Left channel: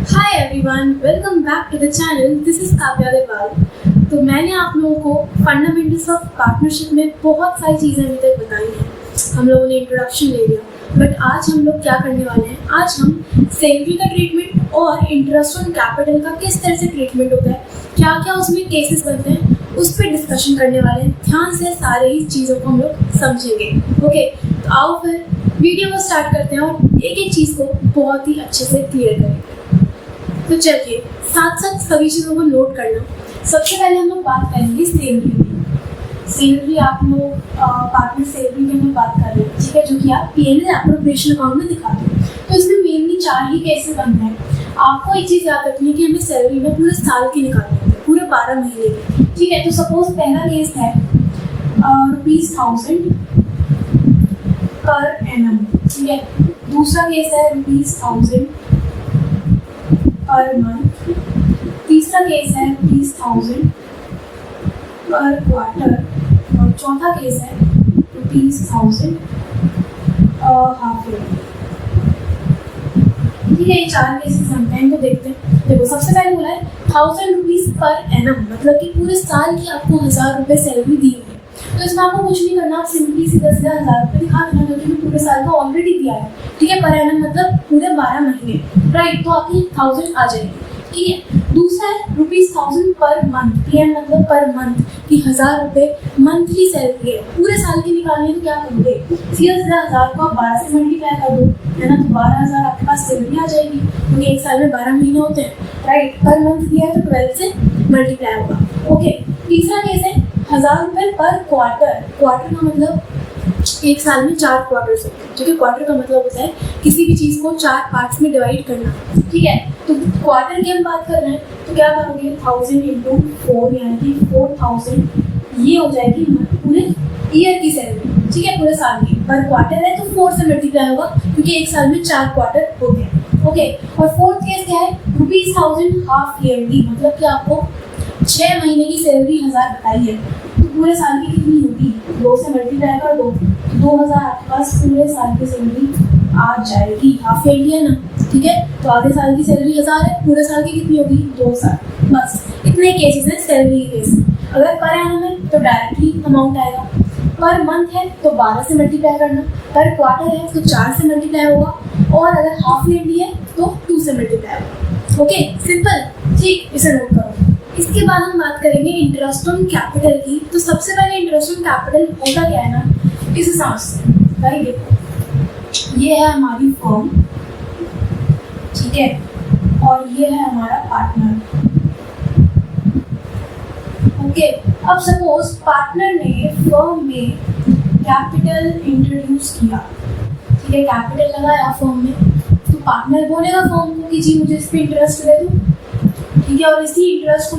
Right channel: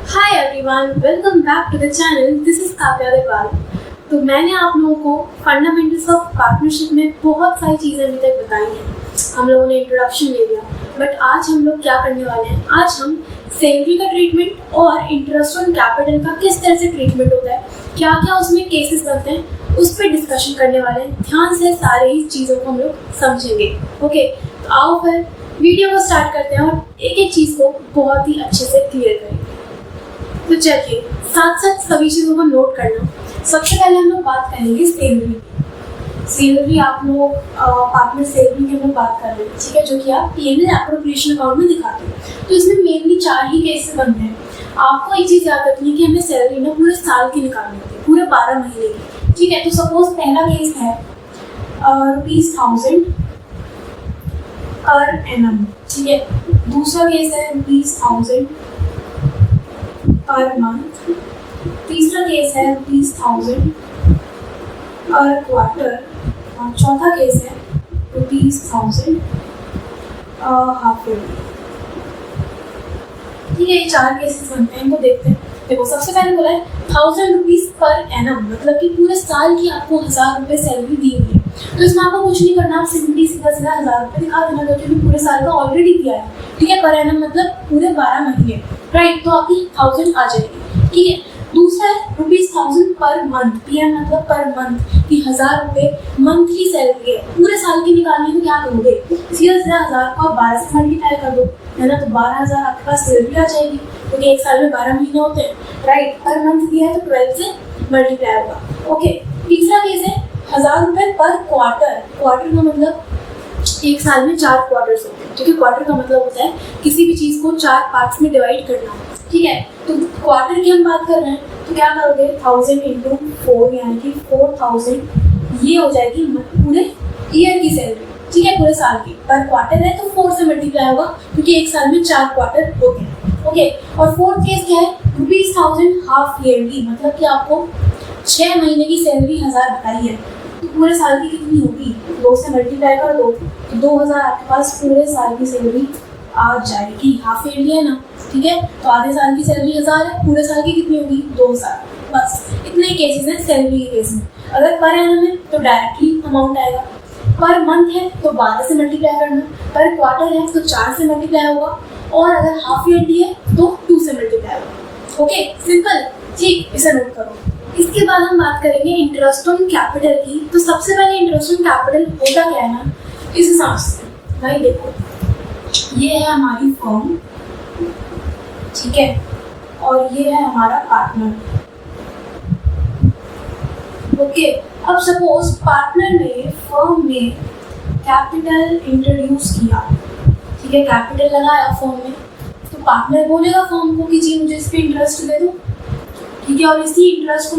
Hi everyone, welcome back to the channel. This is Kavya Agarwal. तो मैंने आप लोगों को फंडामेंटल्स ऑफ पार्टनरशिप में बहुत सारी चीज़ें अभी तक बताई हैं। हम लोगों ने इंट्रोडक्शन ले लिया, बट आज हम लोग क्या करने वाले हैं, आज हम सैलरी का ट्रीटमेंट और इंटरेस्ट ऑन कैपिटल का किस तरह से ट्रीटमेंट होता है, क्या क्या उसमें केसेस बनते हैं, उस पर डिस्कशन करने वाले हैं। ध्यान से सारे ही चीज़ों को हम लोग समझेंगे। ओके, तो आओ फिर वीडियो को स्टार्ट करते हैं और एक एक चीज़ को बहुत ही अच्छे से क्लियर करेंगे। तो चलिए साथ साथ सभी चीज़ों को नोट करना। सबसे पहले हम लोग बात करेंगे सैलरी की। सैलरी आप लोग पार्टनर सैलरी की हम लोग बात कर रहे हैं, ठीक है, जो कि आप P&L एप्रोप्रिएशन अकाउंट में दिखाते हैं। तो इसमें मेनली 4 ही केसेस बनते हैं। आपको एक चीज़ याद रखनी है कि हमें सैलरी ना पूरे साल की निकालनी होती है, पूरे 12 महीने की, ठीक है। तो सपोज पहला केस है ₹1000 पर एनम, ठीक है। दूसरा केस है ₹1000 पर मंथ। तीसरा केस है ₹1000 पर क्वार्टर और चौथा केस है ₹1000 हाफ ईयरली। ठीक है, ये 4 केसेस बनते हैं, इनको देखते हैं। देखो, सबसे पहले बोला है ₹1000 पर एनम, मतलब कि पूरे साल की आपको ₹1000 सैलरी दी हुई है। तो इसमें आपको कुछ नहीं करना, आप सिंपली सीधा सीधा ₹1000 दिखा देना, क्योंकि पूरे साल का ऑलरेडी दिया है, ठीक है। पर एनम मतलब पूरे 12 महीने, राइट। तो आपकी 1000 आ जाएगी, ठीक है। दूसरा है ₹1000 पर मंथ, PM मतलब पर मंथ कि ₹1000 मंथली सैलरी है, पूरे साल की निकालने को क्या करोगे, सीधा सीधा 1000 को आप 12 से मल्टीप्लाई कर दो, है ना। तो 12000 आपके पास सैलरी आ जाएगी, क्योंकि एक साल में 12 महीने होते हैं, राइट। पर मंथ दिया है तो 12 से मल्टीप्लाई होगा। ओके, तीसरा केस है ₹1000 पर क्वार्टर। क्वार्टर का मतलब एक साल में 4 क्वार्टर्स होते हैं, क्योंकि क्वार्टर का मतलब होता है किसी भी चीज़ को 4 पार्ट्स में डिवाइड करना, ठीक है। तो क्वार्टर की हम बात कर रहे हैं, तो क्या करोगे, 1000 × 4 यानी कि 4000, ये हो जाएगी पूरे ईयर की सैलरी, ठीक है, पूरे साल की। पर क्वार्टर है तो 4 से मल्टीप्लाई होगा, क्योंकि एक साल में 4 क्वार्टर हो गए। ओके, और फोर्थ केस क्या है, ₹1000 हाफ ईयरली, मतलब कि आपको 6 महीने की सैलरी 1000 बताई है, तो पूरे साल की कितनी होगी, 2 से मल्टीप्लाई कर दो, 2000 आपके पास पूरे साल की सैलरी आ जाएगी। हाफ ईयरली है ना, ठीक है। तो आधे साल की सैलरी 1000 है, पूरे साल की कितनी होगी, 2000। बस इतने केसेस हैं सैलरी के केस में। अगर पर एनम है तो डायरेक्टली अमाउंट आएगा, पर मंथ है तो 12 से मल्टीप्लाई करना, पर क्वार्टर है तो 4 से मल्टीप्लाई होगा, और अगर हाफ ईयरली है तो 2 से मल्टीप्लाई होगा। ओके, सिंपल, ठीक, इसे नोट करो। इसके बाद हम बात करेंगे इंटरेस्ट ऑन कैपिटल की। तो सबसे पहले इंटरेस्ट ऑन कैपिटल होता क्या है ना, इस हिसाब से भाई देखो, ये है हमारी फर्म, ठीक है, और ये है हमारा पार्टनर। ओके, अब सपोज पार्टनर ने फर्म में कैपिटल इंट्रोड्यूस किया, ठीक है, कैपिटल लगाया फर्म में, तो पार्टनर बोलेगा फर्म को कि जी मुझे इस पर इंटरेस्ट दे दो, ठीक है। और इसी इंटरेस्ट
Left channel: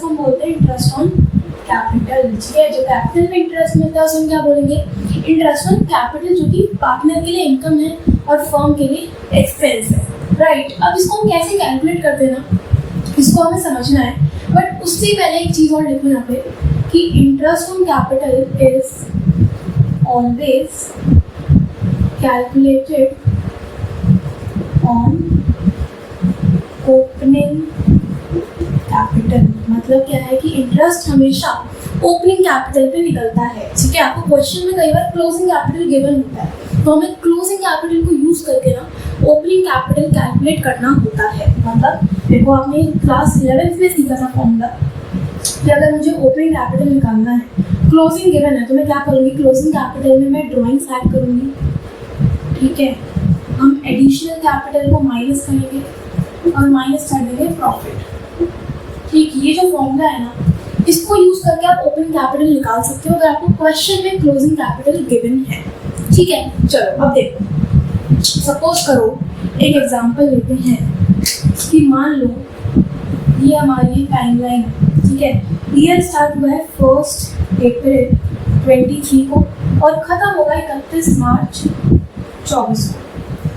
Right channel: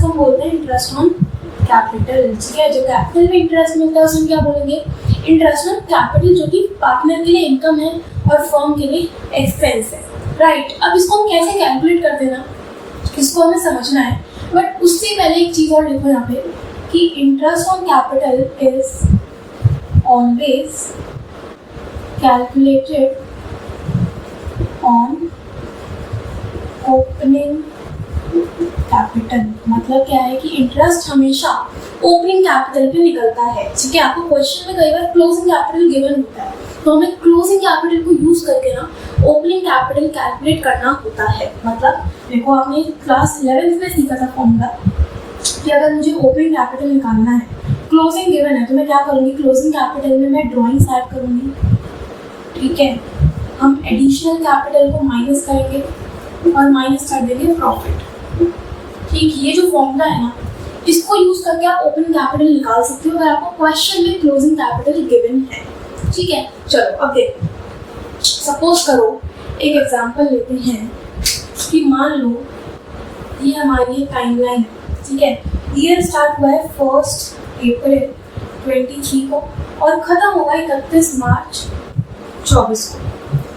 को हम बोलते हैं इंटरेस्ट ऑन कैपिटल, ठीक है। जो कैपिटल में इंटरेस्ट मिलता है उसमें क्या बोलेंगे, इंटरेस्ट ऑन कैपिटल, जो कि पार्टनर के लिए इनकम है और फर्म के लिए एक्सपेंस है, राइट। अब इसको हम कैसे कैलकुलेट करते हैं ना, इसको हमें समझना है, बट उससे पहले एक चीज़ और लिखो यहाँ पे कि interest on capital is always calculated on opening capital. मतलब क्या है कि इंटरेस्ट हमेशा ओपनिंग कैपिटल पे निकलता है, ठीक है। आपको क्वेश्चन में कई बार क्लोजिंग कैपिटल गिवन होता है, तो हमें क्लोजिंग कैपिटल को यूज करके ना ओपनिंग कैपिटल कैलकुलेट करना होता है। मतलब देखो, आपने क्लास 11th में सीखा था फॉर्मूला कि अगर मुझे ओपनिंग कैपिटल निकालना है, क्लोजिंग गिवन है, तो मैं क्या करूँगी, क्लोजिंग कैपिटल में मैं ड्रॉइंग्स ऐड करूँगी, ठीक है। हम एडिशनल कैपिटल को माइनस करेंगे और माइनस कर देंगे प्रॉफिट, ठीक। ये जो फॉर्मूला है ना, इसको यूज करके आप ओपनिंग कैपिटल निकाल सकते हो अगर आपको क्वेश्चन में क्लोजिंग कैपिटल गिवन है, ठीक है। चलो अब देखो, सपोज करो एक एग्जांपल लेते हैं कि मान लो ये हमारी टाइमलाइन, ठीक है। ईयर स्टार्ट हुआ है 1 अप्रैल 23 को और खत्म होगा 31 मार्च 24 को,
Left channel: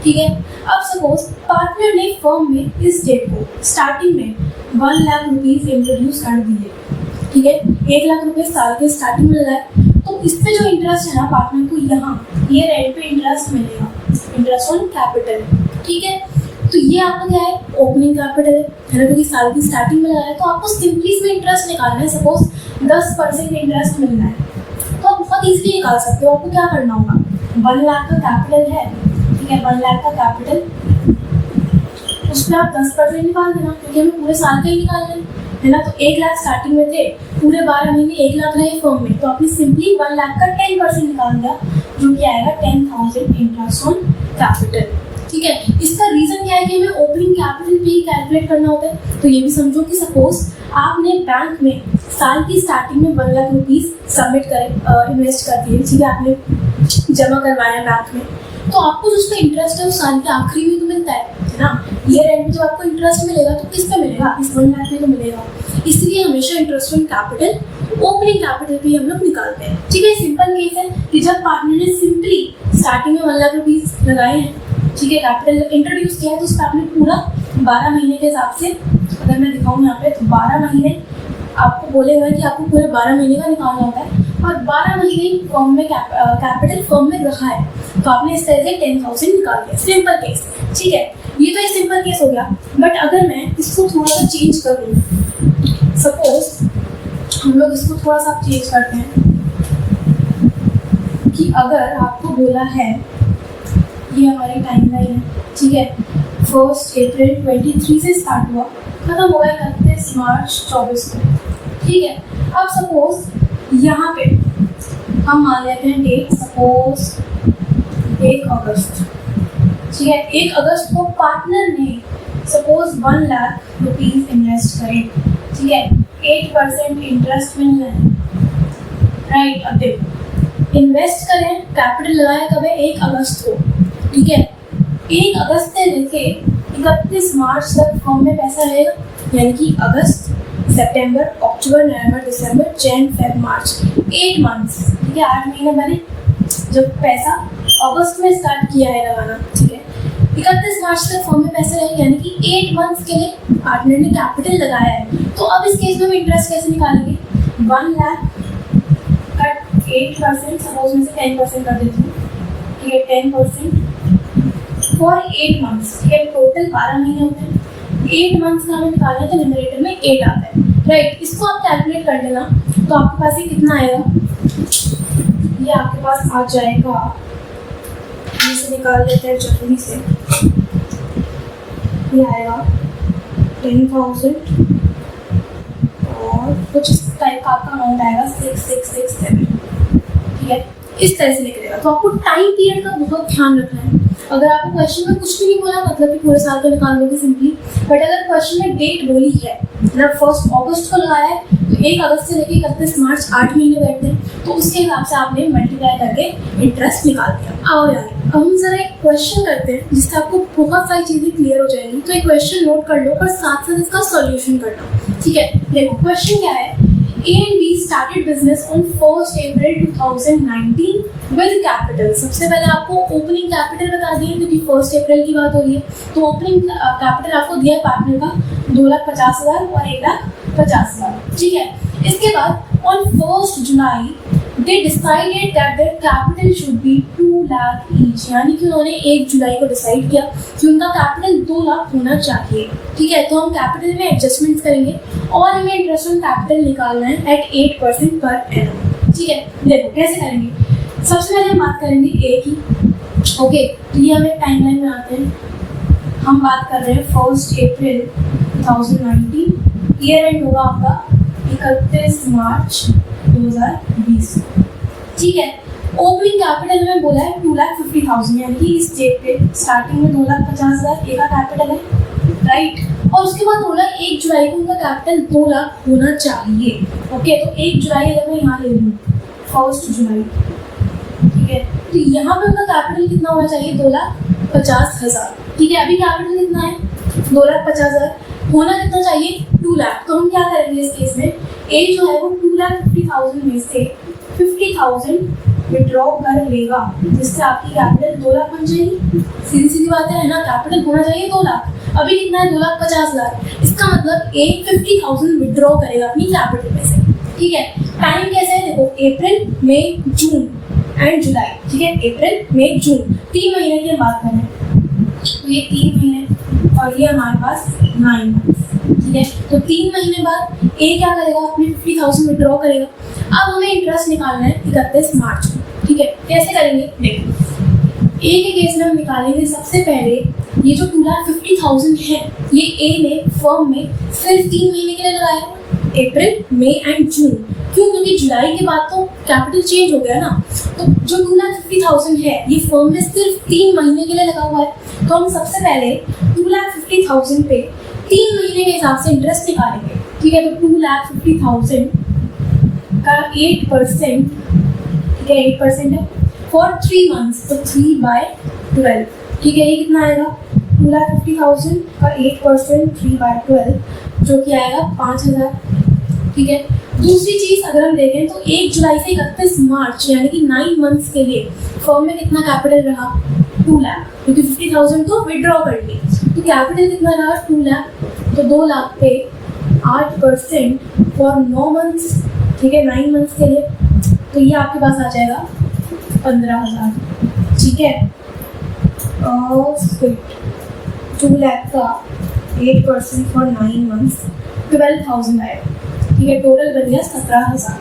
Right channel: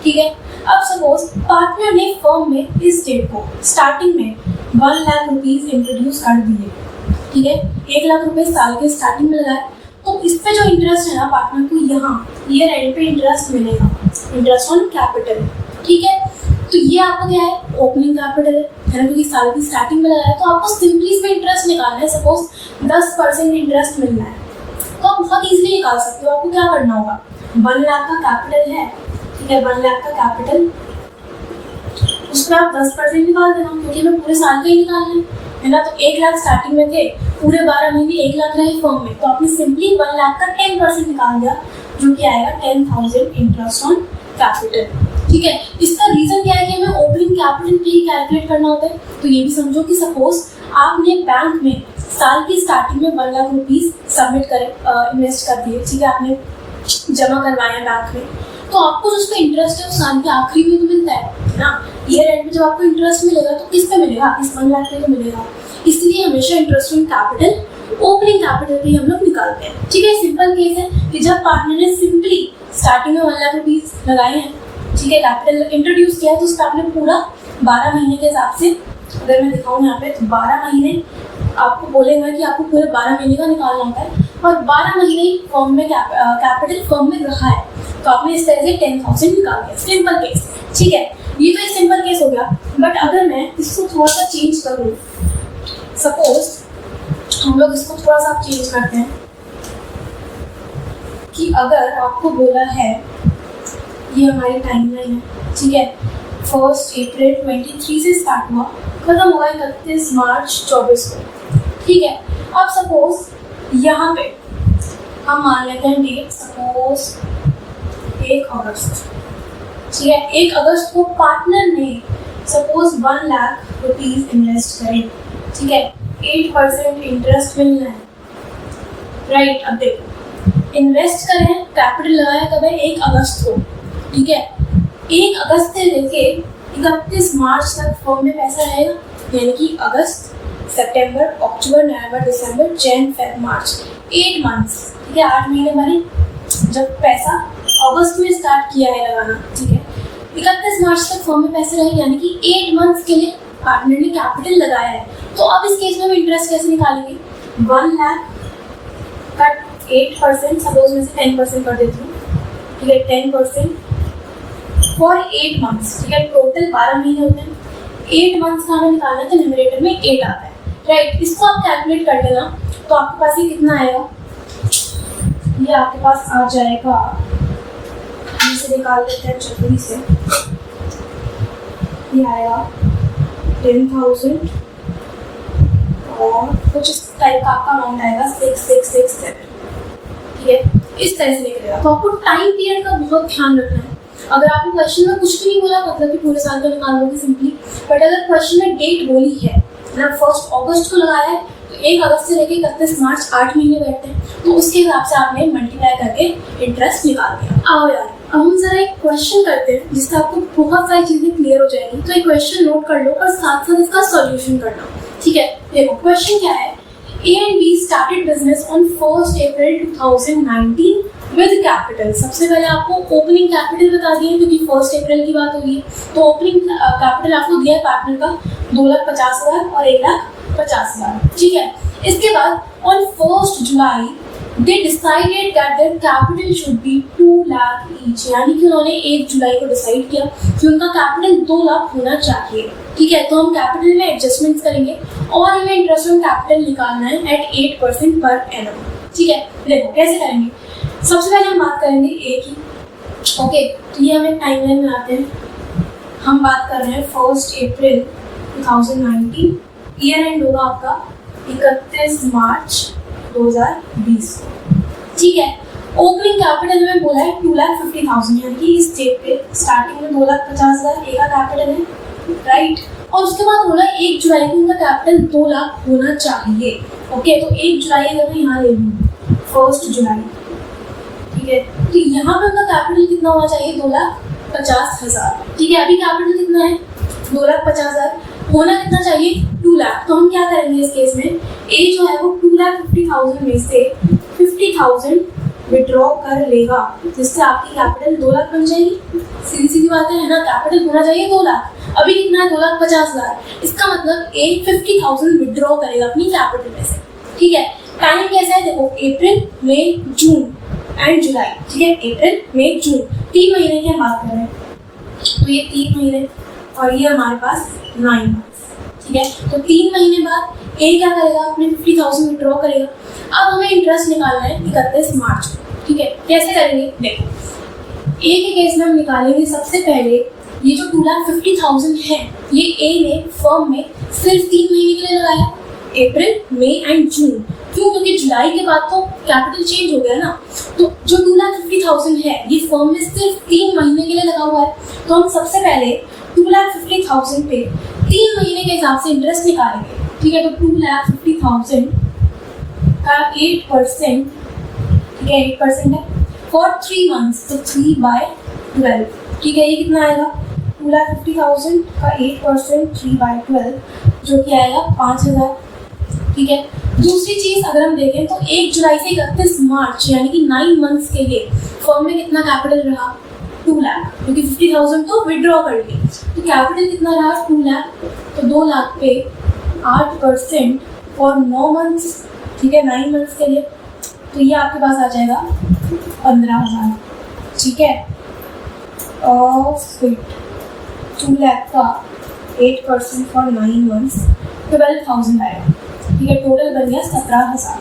ठीक है। अब सपोज पार्टनर ने फर्म में इस डेट को स्टार्टिंग में 1 लाख रुपीज इंट्रोड्यूस कर दिए, ठीक है। 1 लाख रुपए साल के स्टार्टिंग में लगाए, तो इस पे जो इंटरेस्ट है ना पार्टनर को यहाँ ईयर एंड पे इंटरेस्ट मिलेगा, इंटरेस्ट ऑन कैपिटल, ठीक है। तो ये आपका क्या है, ओपनिंग कैपिटल है ना, क्योंकि साल की स्टार्टिंग में लगाया। तो आपको सिंपली इसमें इंटरेस्ट निकालना है। सपोज 10% इंटरेस्ट मिलना है तो आप बहुत ईजिली निकाल सकते हो। आपको क्या करना होगा, 1 लाख का कैपिटल है, ठीक है, 1 लाख का कैपिटल, उसमें आप 10% निकाल देना, क्योंकि हमें पूरे साल का ही निकालना है ना। तो 1 लाख स्टार्टिंग में थे, पूरे 12 महीने 1 लाख रहे फर्म में, तो आपने सिंपली 1 लाख का 10% निकाल दिया, जो कि आएगा 10,000 इंटरेस्ट ऑन कैपिटल। ठीक है, इसका रीजन क्या है कि हमें ओपनिंग कैपिटल भी कैलकुलेट करना होता है। तो ये भी समझो कि सपोज आपने बैंक में साल की स्टार्टिंग में 1 लाख रुपीज सबमिट करें, इन्वेस्ट कर दिए, ठीक है, आपने जमा करवाया बैंक में, तो आपको जो उसका इंटरेस्ट है उस साल के आखिरी में तो मिलता है ना। ईयर एंड में जब आपको इंटरेस्ट मिलेगा तो किस पे मिलेगा, इस 1 लाख पे तो मिलेगा। इसलिए हमेशा interest on capital opening capital पे हम लोग निकालते हैं। ठीक है, सिंपल केस है कि जब पार्टनर ने सिंपली स्टार्टिंग में 1 लाख रुपीज लगाए हैं, ठीक है, कैपिटल इंट्रोड्यूस किया है, तो उसका आपने पूरा 12 महीने के हिसाब से, अगर मैं दिखाऊँ यहाँ पे, तो 12 महीने आपको बोलेगा कि आपको पूरे 12 महीने का निकालना होता है, और 12 महीने फॉर्म में कैपिटल फॉर्म में रखा है, तो आपने इस तरह से 10,000 निकाल दिया। सिंपल केस, ठीक है, ये तो एक सिंपल केस हो गया। बट अगर मैं इसको थोड़ा सा चेंज करूँ, सपोज हम लोग इसको थोड़ा सा चेंज करते हैं कि अगर आपको बोला है, ये हमारी टाइमलाइन है, ठीक है, 1 अप्रैल 23 से स्टार्ट हुआ, खत्म होगा 31 मार्च 24 को, ठीक है। अब सपोज यहाँ पे हम मान लेते हैं डेट, सपोज 1 अगस्त, ठीक है, 1 अगस्त को पार्टनर ने सपोज 1 लाख रुपीज इन्वेस्ट करें, ठीक है, 8% इंटरेस्ट मिलना है, राइट। अब देखो, इन्वेस्ट करें, कैपिटल लगाया कब है, 1 अगस्त को, ठीक है, 1 अगस्त से लेके 31 मार्च तक फर्म में पैसा रहेगा, यानी कि अगस्त, सितंबर, अक्टूबर, नवंबर, दिसंबर, जैन, फेब, मार्च, 8 मंथ्स, ठीक है, 8 महीने बने। जब पैसा अगस्त में स्टार्ट किया है लगाना, ठीक है, 31 मार्च तक फर्म में पैसे रहेंगे, यानी कि 8 मंथ्स के लिए पार्टनर ने कैपिटल लगाया है। तो अब इस केस में हम इंटरेस्ट कैसे निकालेंगे, 1 लाख का 8%, सपोज में से 10% कर देती हूँ, ठीक है, 10% फॉर 8 मंथ्स, ठीक है, टोटल 12 महीने होते हैं, 8 मंथ्स का हमें निकालना है, तो न्यूमरेटर में 8 आता है, राइट। इसको आप कैलकुलेट कर लेना, तो आपके पास ये कितना आएगा, ये आपके पास आ जाएगा, इसे निकाल लेते हैं जल्दी से, ये आएगा 10,000 और कुछ इस टाइप का आपका अमाउंट आएगा 6667, ठीक है, इस तरह से निकलेगा। तो आपको टाइम पीरियड का बहुत ध्यान रखना है। अगर आपको क्वेश्चन में कुछ भी नहीं बोला, मतलब कि पूरे साल का निकाल लोगे सिंपली, बट अगर क्वेश्चन में डेट बोली है, मतलब 1 अगस्त को लगाया है, तो 1 अगस्त से लेके 31 मार्च 8 महीने बैठते हैं, तो उसके हिसाब से आपने मल्टीप्लाई करके इंटरेस्ट निकाल दिया। आओ यार, अब हम जरा एक क्वेश्चन करते हैं जिससे आपको बहुत सारी चीजें क्लियर हो जाएंगी। तो एक क्वेश्चन नोट कर लो और साथ साथ इसका सॉल्यूशन करना, ठीक है। देखो क्वेश्चन क्या है, A and B started business on 1 April 2019 with capital। सबसे पहले आपको ओपनिंग कैपिटल बता दिए, क्योंकि 1 अप्रैल की बात हो रही है, तो ओपनिंग कैपिटल आपको दिया है पार्टनर का 2,50,000 और 1,50,000, ठीक है। इसके बाद on 1 July they decided that their capital should be 2 lakh each, यानी कि उन्होंने 1 जुलाई को डिसाइड किया कि उनका कैपिटल 2 लाख होना चाहिए, ठीक है। तो हम कैपिटल में एडजस्टमेंट करेंगे और हमें इंटरेस्ट ऑन कैपिटल निकालना है एट 8% पर एनम, ठीक है। देखो कैसे करेंगे, सबसे पहले हम बात करेंगे ए की, ओके। तो ये हमें टाइमलाइन में आते हैं, हम बात कर रहे हैं 1 अप्रैल 2019, ईयर एंड होगा आपका 31 मार्च 2020, ठीक है। ओपनिंग कैपिटल में बोला है 2,50,000, यानी कि इस डेट पे स्टार्टिंग में 2,50,000 एक का कैपिटल है, राइट। और उसके बाद बोला 1 जुलाई को उनका कैपिटल 2 लाख होना चाहिए, ओके। तो 1 जुलाई अगर मैं यहाँ ले लूँ, 1 जुलाई, ठीक है, तो यहाँ पे उनका कैपिटल कितना होना चाहिए, 2,50,000, ठीक है। अभी कैपिटल कितना है, 2,50,000, होना कितना चाहिए, 2 लाख। तो हम क्या करेंगे इस केस में, ए जो है वो 2,50,000 में से 50,000 विड्रॉ कर लेगा, जिससे आपकी कैपिटल 2 लाख बन जाएगी। सीधी सीधी बात है ना, कैपिटल होना चाहिए 2 लाख, अभी कितना है 2,50,000, इसका मतलब ए 50,000 विड्रॉ करेगा अपनी कैपिटल में से, ठीक है। टाइम कैसा है, देखो अप्रैल, मई, जून एंड जुलाई, ठीक है, अप्रैल, मई, जून, 3 महीने की हम बात कर रहे हैं, तो ये 3 महीने और ये हमारे पास 9 मंथ्स, ठीक है। तो 3 महीने बाद ए क्या करेगा, अपने 50,000 विड्रॉ करेगा। अब हमें इंटरेस्ट निकालना है 31 मार्च को, ठीक है। कैसे करेंगे, देखो ए के केस में हम निकालेंगे सबसे पहले ये जो 2,50,000 है, ये ए ने फर्म में सिर्फ 3 महीने के लिए लगाया, अप्रैल, मई एंड जून। क्यों, क्योंकि जुलाई के बाद तो कैपिटल चेंज हो गया ना। तो जो 2,50,000 है ये फर्म में सिर्फ 3 महीने के लिए लगा हुआ है। तो हम सबसे पहले 2,50,000 पे 3 महीने के हिसाब से इंटरेस्ट निकालेंगे, ठीक है। तो 2,50,000 का 8%, ठीक है, 8% है फॉर 3 मंथ्स, तो 3/12, ठीक है। ये कितना आएगा, 2,50,000 का 8% 3/12 जो कि आएगा 5,000, ठीक है। दूसरी चीज़ अगर हम देखें तो 1 जुलाई से 31 मार्च यानी कि 9 मंथ्स के लिए फर्म में कितना कैपिटल रहा, 2 लाख, क्योंकि 50,000 तो विड्रॉ कर ली। तो कैपिटल कितना रहा, 2 लाख। तो 2 लाख पे 8% फॉर 9 मंथ्स, ठीक है, 9 मंथ्स के लिए। तो ये आपके पास आ जाएगा 15,000, ठीक है। और 2 लाख का 8% फॉर 9 मंथ्स 12,000 आएगा, ठीक है। टोटल बन गया 17,000।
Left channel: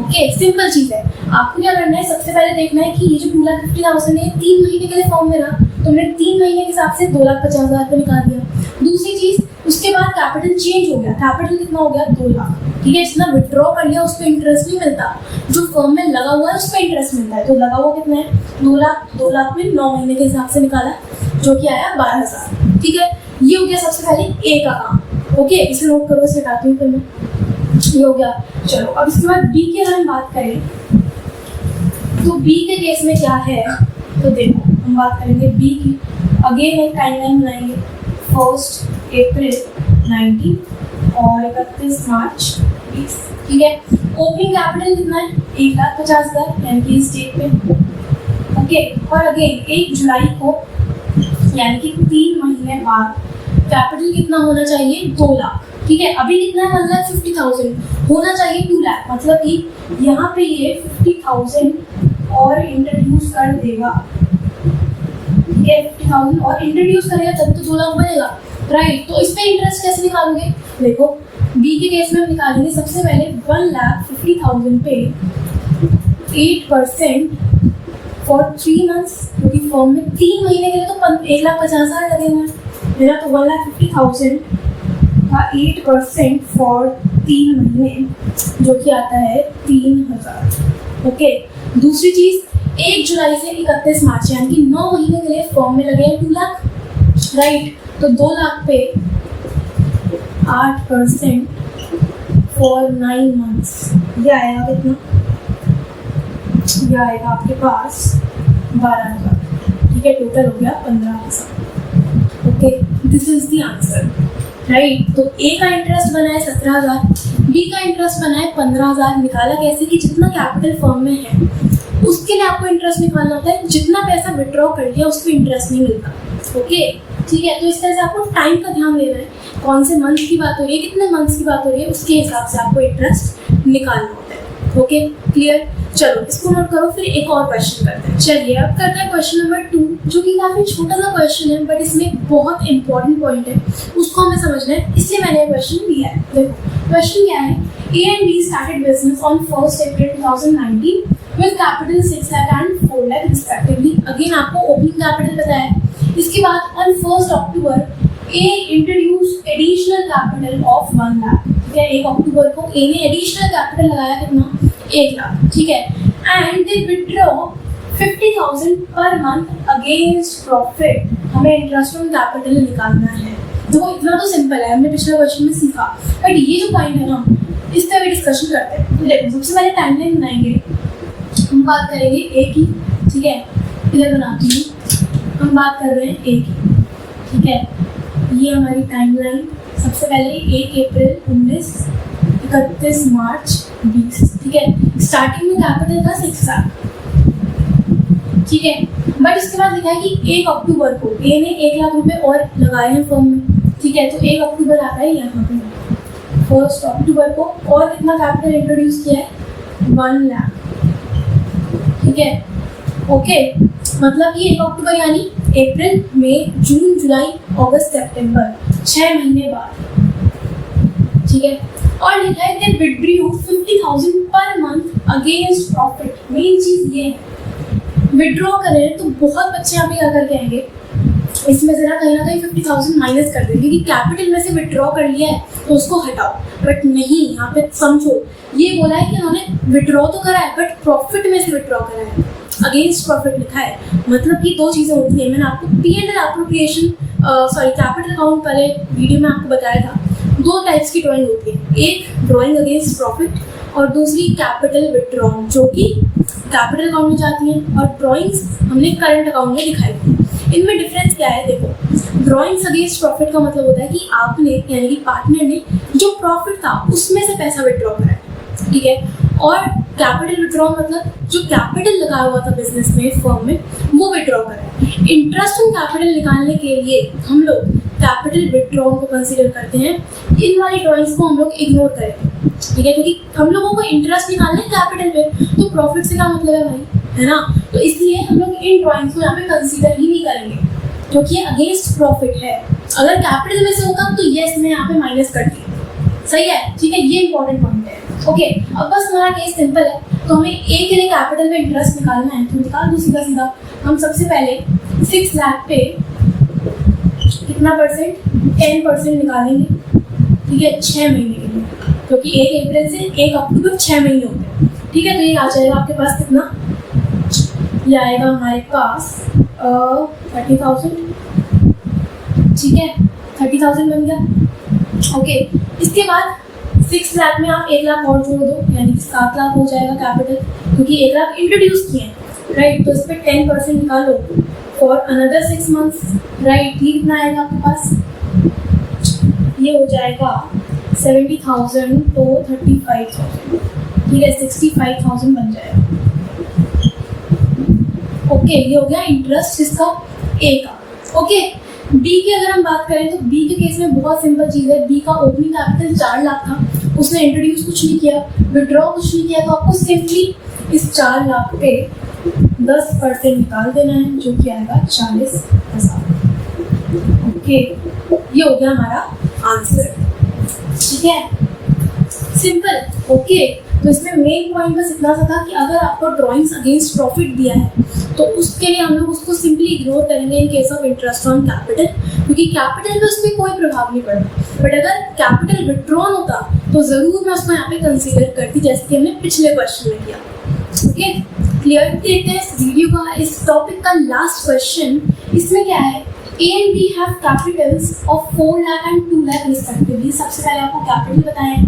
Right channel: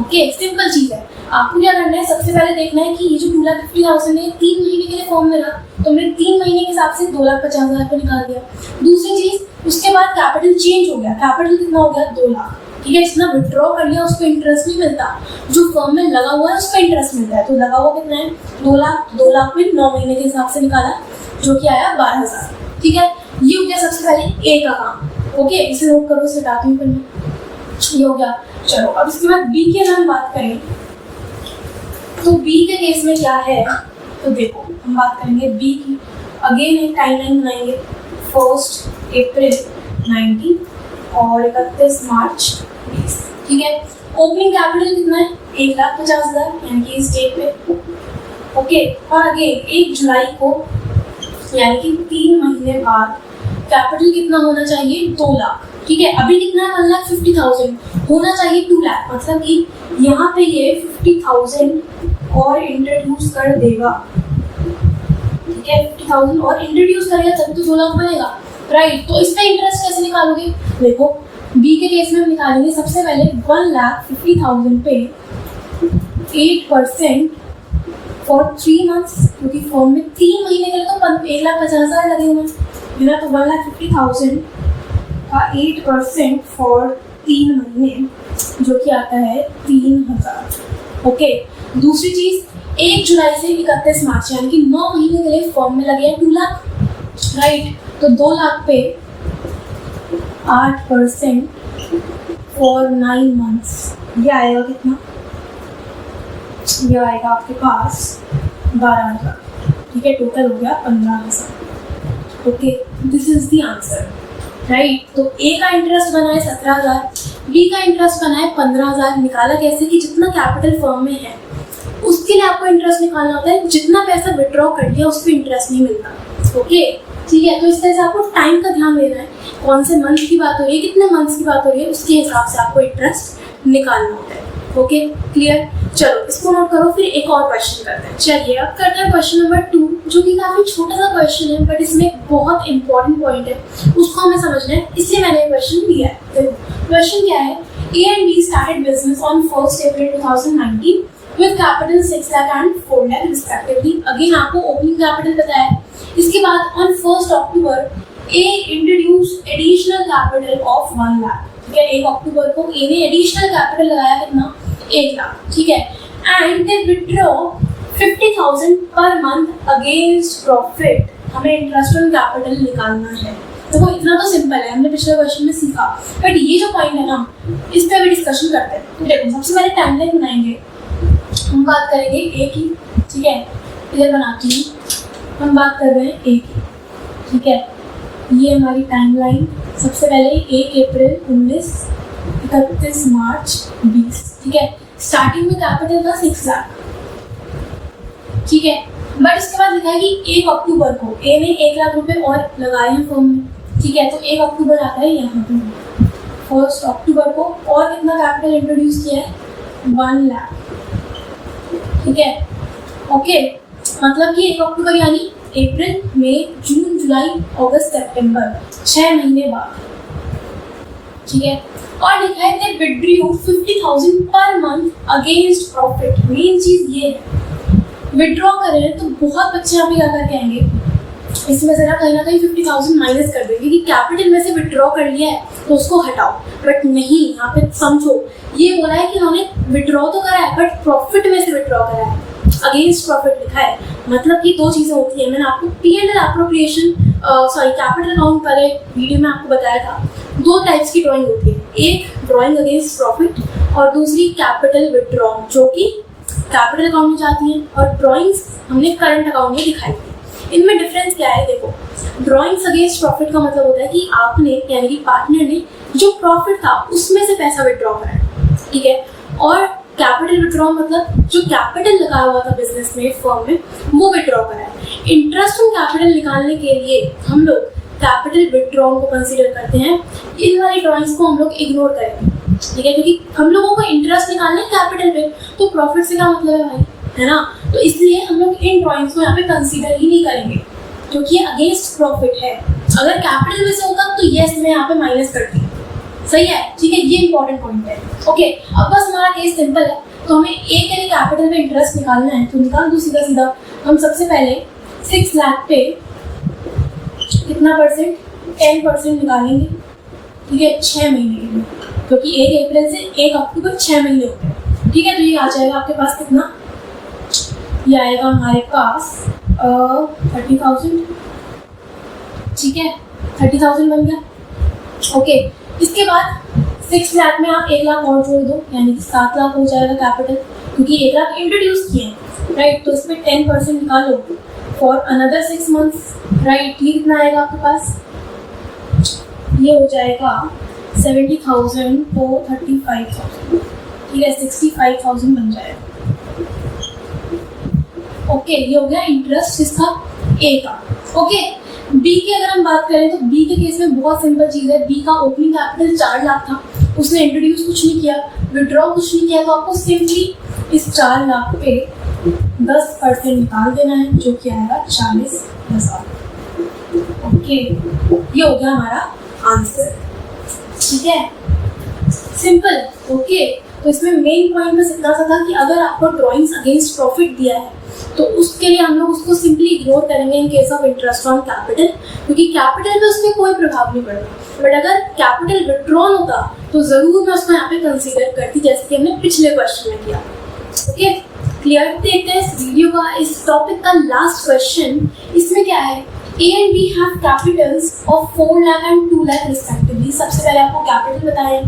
ओके, सिंपल चीज़ है। आपको क्या करना है, सबसे पहले देखना है कि ये जो 2,50,000 है 3 महीने के लिए फॉर्म में रहा, तो हमने 3 महीने के हिसाब से 2,50,000 को निकाल दिया। दूसरी चीज़, उसके बाद कैपिटल चेंज हो गया, कैपिटल कितना हो गया, 2 लाख, ठीक है। जितना विड्रॉ कर लिया उस पर इंटरेस्ट नहीं मिलता, जो फर्म में लगा हुआ है उस पर इंटरेस्ट मिलता है। तो लगा हुआ कितना है, 2 लाख। 2 लाख में 9 महीने के हिसाब से निकाला, जो कि आया 12,000, ठीक है। ये हो गया सबसे पहले ए का काम। ओके, इसे नोट करो, इसे हटाती हूँ फिर मैं, ये हो गया। चलो अब इसके बाद बी की अगर हम बात करें तो बी के केस में क्या है, तो देखो हम बात करेंगे बी की। अगेन एक टाइमलाइन बनाएंगे, 1 अप्रैल 19 और 31 मार्च 20, ठीक है। ओपनिंग कैपिटल कितना है, 1,50,000 यानी कि इस डेट पे, ओके। और अगेन 1 जुलाई को यानी कि 3 महीने बाद कैपिटल कितना होना चाहिए, 2 लाख, ठीक है। अभी कितना है, 1,50,000 होना चाहिए 2 लाख, मतलब कि यहाँ पे ये 50,000 और इंट्रोड्यूस कर देगा, ठीक है। 50,000 और इंट्रोड्यूस करेगा तभी तो 2 लाख बनेगा, राइट। तो इस पे इंटरेस्ट कैसे निकालोगे, देखो बी के केस में हम निकालेंगे सबसे पहले 1,50,000 पे 8% फॉर 3 मंथ्स, क्योंकि फॉर्म में 3 महीने के लिए तो 1,50,000 लगे हुए हैं, मेरा तो 1,50,000 का 8% फॉर 3 महीने जो कि आता है 3,000, ओके। दूसरी चीज़, 1 जुलाई से 31 मार्च यानी कि 9 महीने के लिए फॉर्म में लगे हैं 2 लाख, राइट। तो 2 लाख पे 8% फॉर 9 मंथ्स, ये आएगा कितना, ये आएगा आपके पास 12,000, ठीक है। टोटल हो गया 15,000, okay. This is the answer, right. तो ए का इंटरेस्ट बना है 17,000, बी का इंटरेस्ट बना है 15,000। निकाला कैसे, कि जितना कैपिटल फर्म में है उसके लिए आपको इंटरेस्ट निकालना होता है, जितना पैसा विड्रॉ कर लिया उस पर इंटरेस्ट नहीं मिलता, ओके, ठीक है। तो इस तरह से आपको टाइम का ध्यान देना है, कौन से मंथ की बात हो रही है, कितने मंथ्स की बात हो रही है, उसके हिसाब से आपको इंटरेस्ट निकालना होता है, ओके, क्लियर। चलो इसको नोट करो, फिर एक और क्वेश्चन करते हैं। चलिए अब करते हैं क्वेश्चन नंबर 2, जो कि काफ़ी छोटा सा क्वेश्चन है बट इसमें एक बहुत इंपॉर्टेंट पॉइंट है, उसको हमें समझना है, इसलिए मैंने ये क्वेश्चन लिया है। देखो क्वेश्चन क्या है, A and be started business on 1 April 2019 with capital 6 lakh and 4 lakh respectively। Again आपको ओपनिंग कैपिटल पता है। इसके बाद on 1 October A introduce additional capital of 1 lakh, ठीक है। 1 अक्टूबर को ए ने एडिशनल कैपिटल लगाया कितना, 1 लाख, ठीक है। And they withdraw 50,000 per month against profit. हमें इंटरेस्ट ऑन कैपिटल निकालना है। देखो इतना तो सिंपल है, हमने पिछले क्वेश्चन में सीखा, बट ये जो पॉइंट है ना, इस पर अभी डिस्कशन करते हैं। तो देखो सबसे पहले टाइमलाइन बनाएंगे, हम बात करेंगे ए की, ठीक है। क्लियर बनाती हूँ, हम बात कर रहे हैं ए की, ठीक है। ये हमारी टाइमलाइन, सबसे पहले 1 अप्रैल 19, 31 मार्च 20, ठीक है। स्टार्टिंग में कैपिटल था 6 लाख, ठीक है। बट इसके बाद लिखा है कि 1 अक्टूबर को ए ने 1 लाख रुपए और लगाए हैं फर्म में, ठीक है। तो 1 अक्टूबर आता है यहाँ पे, 1 अक्टूबर को और कितना कैपिटल इंट्रोड्यूस किया है, 1 लाख, ठीक है, ओके। मतलब कि 1 अक्टूबर यानी अप्रैल, मई, जून, जुलाई, अगस्त, सितंबर, 6 महीने बाद, ठीक है। और लिखा है कि withdrew 50,000 per month against profit. Main चीज ये है, विड्रॉ करें तो बहुत बच्चे यहाँ पे क्या करके आएंगे, इसमें से ना कहीं 50,000 माइनस कर देंगे कि कैपिटल में से विड्रॉ कर लिया है तो उसको हटाओ, बट नहीं, यहाँ पे समझो, ये बोला है कि उन्होंने विड्रॉ तो करा है बट प्रॉफिट में से विड्रॉ करा है, अगेंस्ट प्रॉफिट लिखा है। मतलब कि दो चीज़ें होती है, मैंने आपको P&L एप्रोप्रिएशन कैपिटल अकाउंट पहले वीडियो में आपको बताया था, दो टाइप्स की ड्राइंग होती है, एक ड्राइंग अगेंस्ट प्रॉफिट और दूसरी कैपिटल विड्रॉन, जो कि कैपिटल अकाउंट में जाती हैं, और ड्राइंग्स हमने करंट अकाउंट में दिखाई थी। इनमें डिफरेंस क्या है, देखो, ड्राइंग्स अगेंस्ट प्रॉफिट का मतलब होता है कि आपने यानी कि पार्टनर ने जो प्रॉफिट था उसमें से पैसा विड्रॉ करा है, ठीक है। और कैपिटल विड्रॉ मतलब जो कैपिटल लगाया हुआ था बिजनेस में, फर्म में, वो विड्रॉ करा है। इंटरेस्ट ऑन कैपिटल निकालने के लिए हम लोग कैपिटल विड्रॉ को कंसीडर करते हैं। इन वाली ड्राइंग्स को हम लोग इग्नोर करेंगे, ठीक है, क्योंकि हम लोगों को इंटरेस्ट निकालना है कैपिटल पे, तो प्रॉफिट से क्या मतलब है भाई, है ना। तो इसलिए हम लोग इन ड्राइंग्स को यहाँ पे कंसीडर ही नहीं करेंगे, क्योंकि ये अगेंस्ट प्रॉफिट है। अगर कैपिटल में से होगा तो यस मैं यहाँ पे माइनस करती हूँ, सही है, ठीक है, ये इंपॉर्टेंट पॉइंट है। ओके, अब बस हमारा केस सिंपल है, तो हमें ए के लिए कैपिटल में इंटरेस्ट निकालना है, तो निकाल दो सीधा सीधा। हम सबसे पहले 6 लाख पे कितना परसेंट, 10% निकालेंगे, ठीक है, 6 महीने के लिए, क्योंकि 1 अप्रैल से 1 अक्टूबर 6 महीने होते हैं, ठीक है। तो ये आ जाएगा आपके पास कितना, ये आएगा हमारे पास 30,000, ठीक है, 30,000 बन गया। ओके, इसके बाद 6 लाख में आप 1 लाख और जोड़ दो, यानी कि 7 लाख हो जाएगा कैपिटल, क्योंकि 1 लाख इंट्रोड्यूस किए हैं, राइट। तो इस पर 10% निकालो फॉर अनदर 6 मंथ्स, राइट। ये कितना आएगा आपके पास, ये हो जाएगा 70,000 को 35,000, ठीक है, 65,000 बन जाएगा। ओके, ये हो गया इंटरेस्ट इसका ए का। ओके, बी की अगर हम बात करें तो बी के केस में बहुत सिंपल चीज़ है। बी का ओपनिंग कैपिटल 4 लाख था, उसने इंट्रोड्यूस कुछ नहीं किया, विड्रॉ कुछ नहीं किया, तो आपको सिंपली इस 4 लाख पे 10% निकाल देना है, जो कि आएगा 40,000। ओके, ये हो गया हमारा आंसर, ठीक है, सिंपल। ओके, तो इसमें मेन पॉइंट बस इतना सा था कि अगर आपको ड्राइंग्स अगेंस्ट प्रॉफिट दिया है तो उसके लिए हम लोग उसको सिंपली इग्नोर करेंगे in case of interest on capital, क्योंकि कैपिटल पे उसमें कोई प्रभाव नहीं पड़ता। बट अगर कैपिटल विड्रॉन होता तो जरूर मैं उसको यहाँ पे कंसीडर करती, जैसे कि हमने पिछले क्वेश्चन में किया। Okay, clear. देखते हैं इस वीडियो का, इस टॉपिक का लास्ट क्वेश्चन। इसमें क्या है, A and B have capitals of 4 lakh and 2 lakh respectively. सबसे पहले आपको कैपिटल बताया,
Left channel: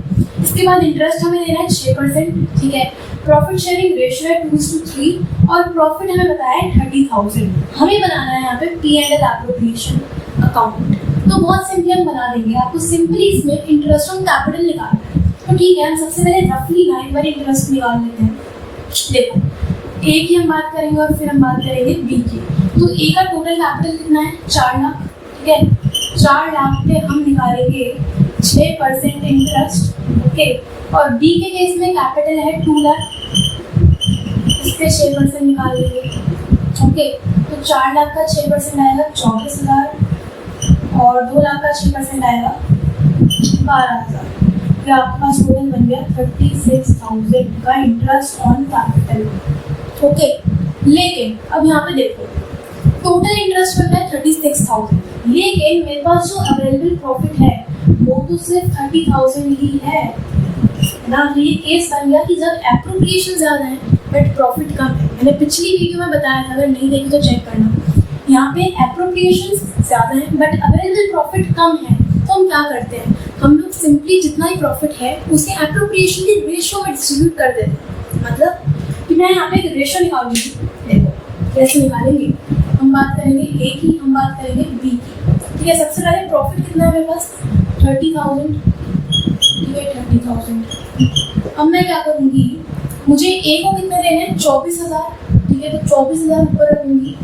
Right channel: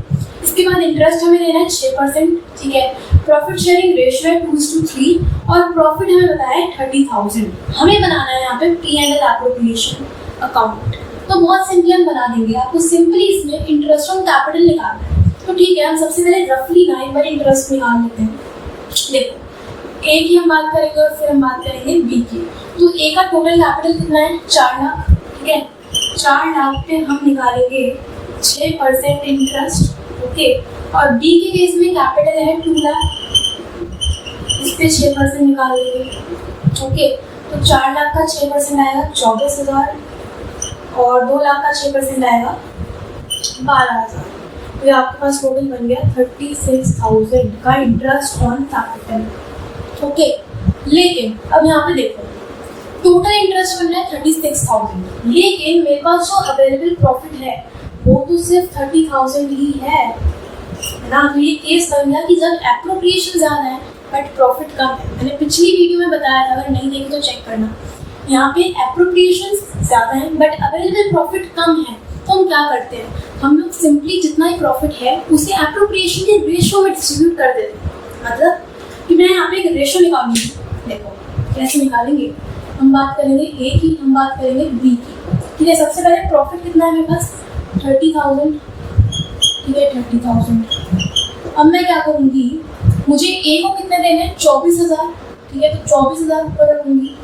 इसके बाद इंटरेस्ट हमें देना है 6%, ठीक है। प्रॉफिट शेयरिंग रेशियो है 2:3 और प्रॉफिट हमें बताया है 30,000। हमें बनाना है यहाँ पे P&L एप्रोप्रिएशन अकाउंट, तो बहुत सिंपली हम बना देंगे। आपको सिंपली इसमें इंटरेस्ट ऑन कैपिटल निकालना है, तो ठीक है, हम सबसे पहले रफली ना एक बार इंटरेस्ट निकाल लेते हैं। देखो, ए की हम बात करेंगे और फिर हम बात करेंगे बी की। तो ए का टोटल कैपिटल कितना है, 4 लाख, ठीक है। 4 लाख पे हम निकालेंगे 6% इंटरेस्ट, ओके। और बी के केस में कैपिटल है 2 लाख, इस पे 6% निकाल देंगे, ओके। तो 4 लाख का 6% आएगा 24,000 और 2 लाख का 6% आएगा 12,000। तो आपके पास टोटल बन गया 36,000 का इंटरेस्ट ऑन कैपिटल, ओके। लेकिन अब यहाँ पे देखो, टोटल इंटरेस्ट बन रहा है 36,000, लेकिन मेरे पास जो अवेलेबल प्रॉफिट है वो तो सिर्फ 30,000 ही है ना। तो ये केस बन गया कि जब एप्रोप्रिएशन ज़्यादा है बट प्रॉफिट कम है। मैंने पिछली वीडियो में बताया था, अगर नहीं देखी तो चेक करना। यहाँ पे एप्रोप्रिएशन ज़्यादा है बट अवेलेबल प्रॉफिट कम है, तो हम क्या करते हैं, हम लोग सिंपली जितना ही प्रॉफिट है उसे एप्रोप्रिएशन के रेशियो में डिस्ट्रीब्यूट कर देते हैं। मतलब कि मैं यहाँ पे एक रेशियो निकालूंगी, देखो कैसे निकालेंगे। हम बात करेंगे ए की, हम बात करेंगे बी की, ठीक है। सबसे पहले प्रॉफिट कितना है मेरे पास, 30,000, ठीक है, 30,000। अब मैं क्या करूँगी, मुझे ए को कितने देने हैं, 24,000, ठीक है। तो 24,000 ऊपर रखूँगी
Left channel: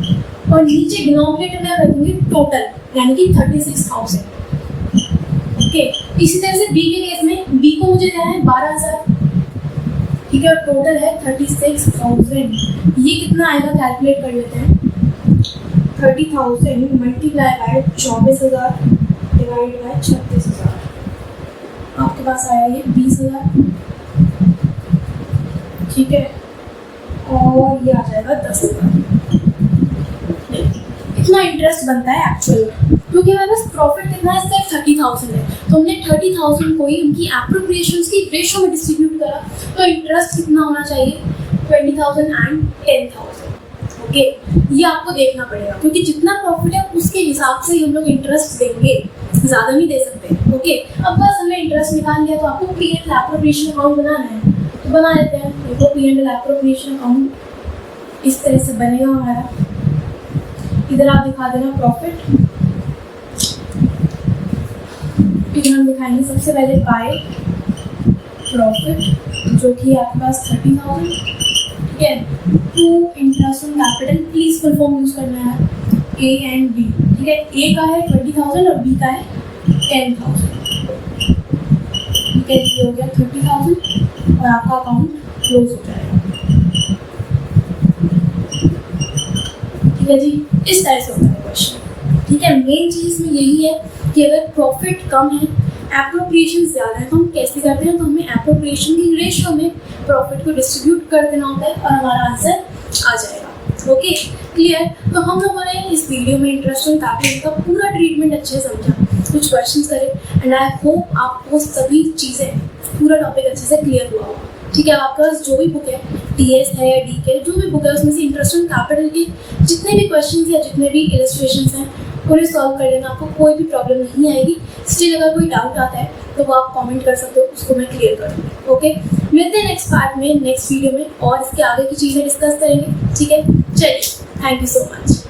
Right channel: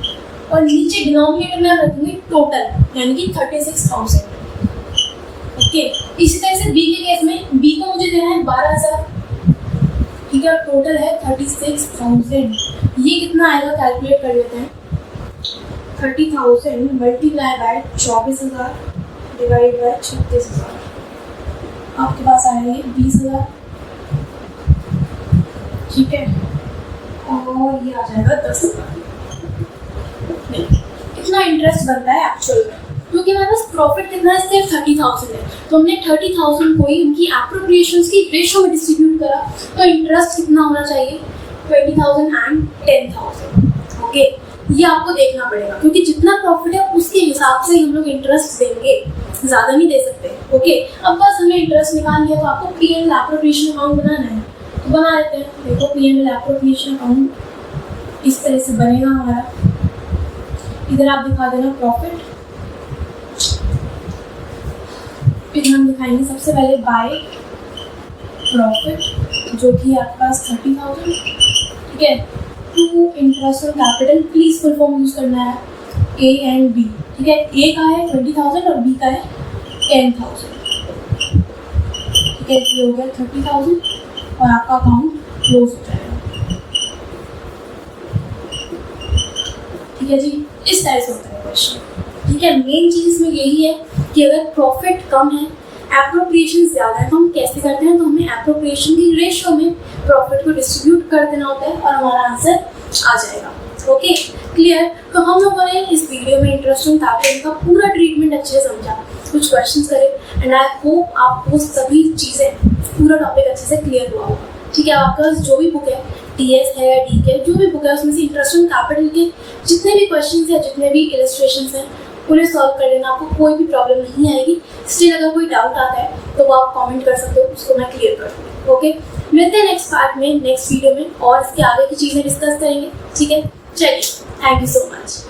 और नीचे डिनोमिनेटर में रखूँगी टोटल, यानी कि 36,000, ओके। इसी तरह से बी के केस में बी को मुझे देना है 12,000, ठीक है, और टोटल है 36,000। ये कितना आएगा कैलकुलेट कर लेते हैं। 30,000 मल्टीप्लाई बाय 24,000 डिवाइड बाय 36,000, आपके पास आया ये 20,000, ठीक है, और ये आ जाएगा 10,000। इतना इंटरेस्ट बनता है एक्चुअल में, क्योंकि हमारे पास प्रॉफिट कितना है, सिर्फ 30,000 है, तो हमने 30,000 को ही उनकी एप्रोप्रिएशंस की रेशो में डिस्ट्रीब्यूट करा, तो इंटरेस्ट कितना होना चाहिए, 20,000 एंड 10,000। ओके, ये आपको देखना पड़ेगा, क्योंकि जितना प्रॉफिट है उसके हिसाब से हम लोग इंटरेस्ट देंगे, ज़्यादा नहीं दे सकते। ओके, अब बस हमें इंटरेस्ट निकाल लिया, तो आपको P&L एप्रोप्रिएशन अकाउंट बनाना है, तो बना लेते हैं। देखो P&L एप्रोप्रिएशन अकाउंट इस तरह से बनेगा हमारा। इधर आप दिखा देना प्रॉफिट, फिर हम दिखाएंगे सबसे पहले बाय प्रॉफिट, जो कि आपके पास 30,000, ठीक है, to interest on capital, please full form use करना है, ए एंड बी, ठीक है, ए का है 20,000 और बी का है 10,000, ठीक है, ये हो गया 30,000 और आपका अकाउंट क्लोज हो जाएगा। ठीक है जी, इस तरह से होता है क्वेश्चन, ठीक है। मेन चीज इसमें यही है कि अगर प्रॉफिट कम है, एप्रोप्रिएशन ज़्यादा है, तो हम कैसे करते हैं, तो हमें एप्रोप्रिएशन की रेशो में प्रॉफिट को डिस्ट्रीब्यूट कर देना होता है और हमारा आंसर आ जाएगा। Okay, clear. तो हम लोगों ने इस वीडियो में इंटरेस्ट ऑन कैपिटल का पूरा ट्रीटमेंट अच्छे से समझा, कुछ क्वेश्चंस करे, एंड आई होप आपको सभी चीज़ें, पूरा टॉपिक अच्छे से क्लियर हुआ होगा। ठीक है, आपके पास जो भी बुक है, TS है या DK, जो भी बुक है, उसमें से इंटरेस्ट ऑन कैपिटल के जितने भी क्वेश्चंस या जितने भी इलस्ट्रेशंस हैं उन्हें सॉल्व कर लेना, आपको कोई भी प्रॉब्लम नहीं आएगी। स्टिल अगर कोई डाउट आता है तो वो आप कमेंट कर सकते हो, उसको मैं क्लियर कर दूँगी। ओके, मिलते हैं नेक्स्ट पार्ट में, नेक्स्ट वीडियो में, और इसके आगे की चीज़ें डिस्कस करेंगे। ठीक है, चलिए, थैंक यू सो मच।